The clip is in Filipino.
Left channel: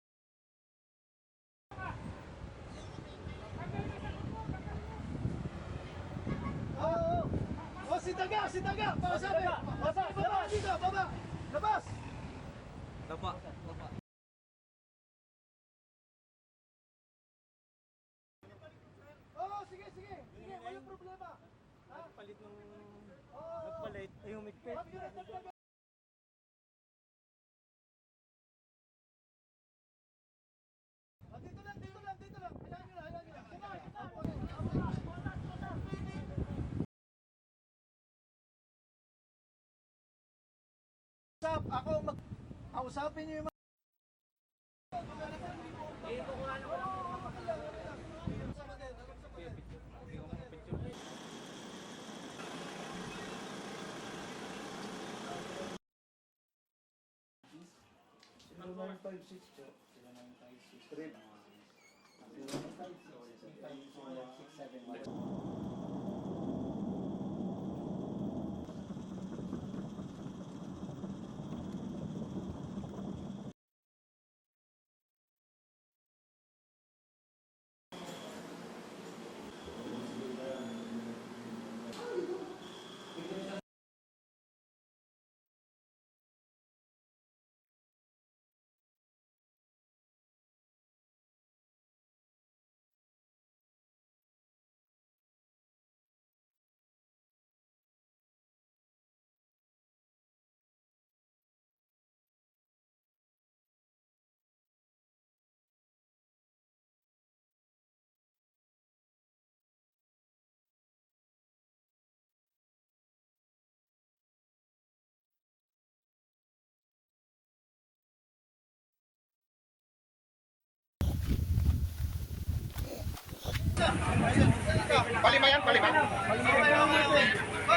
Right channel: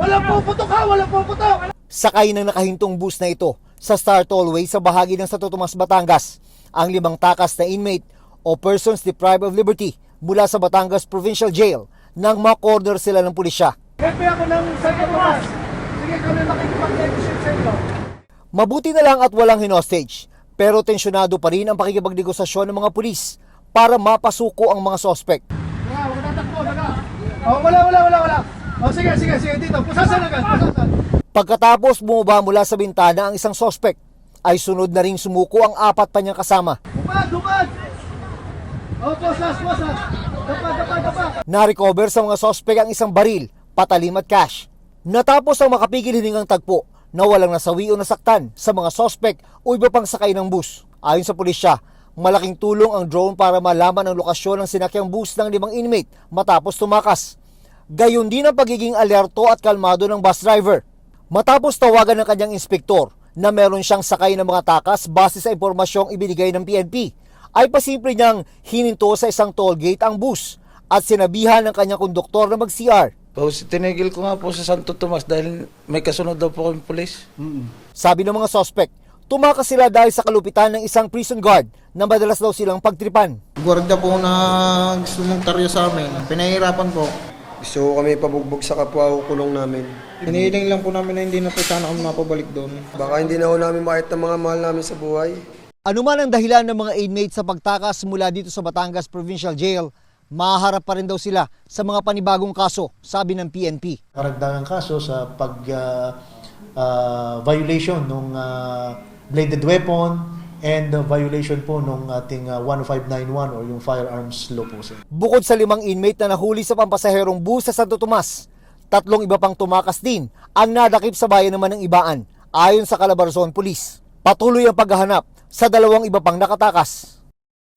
Walang puputok ha! Walang puputok! Sakay ng nakahintong bus na ito sa Star Tollway sa bahagi ng Santo Tomas, Batangas ang 5 takas na inmate o persons deprived of liberty mula sa Batangas Provincial Jail nang ma-corner sila ng pulisya. Hepe ako ng Santo Tomas. Sige kami makikipag-tension sa inyo. Mabuti na lang at walang hinostage, pero tensyonado pa rin ang pakikipagnegosasyon ng mga pulis para mapasuko ang mga sospek. Huwag natakbo, daga. Oh, wala. Oh, sige, dito. Pusasan agad, pusasan. Pagkatapos bumaba mula sa bintana ang isang sospek, ay sunod na ring sumuko ang 4 pa niyang kasama. Dupad! Oh, posas! Dapa! Na-recover sa mga sospek ang isang baril, patalim at cash. Natapos ang makapigil hiningang tagpo na walang nasawi o nasaktan sa mga sospek o iba pang sakay ng bus. Ayon sa pulisya, malaking tulong ang drone para malaman ang lokasyon ng sinakyang bus ng 5 inmate matapos tumakas. Gayon din ang pagiging alerto at kalmado ng bus driver. Matapos tawagan ng kanyang inspektor na meron siyang sakay ng mga takas base sa impormasyong ibinigay ng PNP, ay pasimple niyang hininto sa isang toll gate ang bus at sinabihan ng kanyang konduktor na mag-CR. Tinigil ko nga po sa Santo Tomas dahil may kasunod daw po kami pulis. Sabi ng mga sospek, tumakas sila dahil sa kalupitan ng isang prison guard na madalas daw silang pagtripan. Gwardiya po na sumuntaryo sa amin. Pinahirapan po. Gusto kami pabugbog sa kapwa o kulong namin. Hinihiling lang po namin na hindi na po sana kami mapabalik doon. Baka hindi na ho namin makita mga mahal namin sa buhay. Ano man ang dahilan ng mga inmates sa pagtakas mula dito sa Batangas Provincial Jail, maharap pa rin daw sila sa mga panibagong kaso, sabi ng PNP. Karagdagang kaso sa violation ng bladed weapon and violation po ng ating 10591 or yung firearms law po. Bukod sa 5 inmate na nahuli sa pampasaherong bus sa Santo Tomas, 3 iba pang tumakas din ang nadakip sa bayan naman ng Ibaan. Ayon sa Calabarzon Police, patuloy ang paghahanap sa 2 iba pang nakatakas.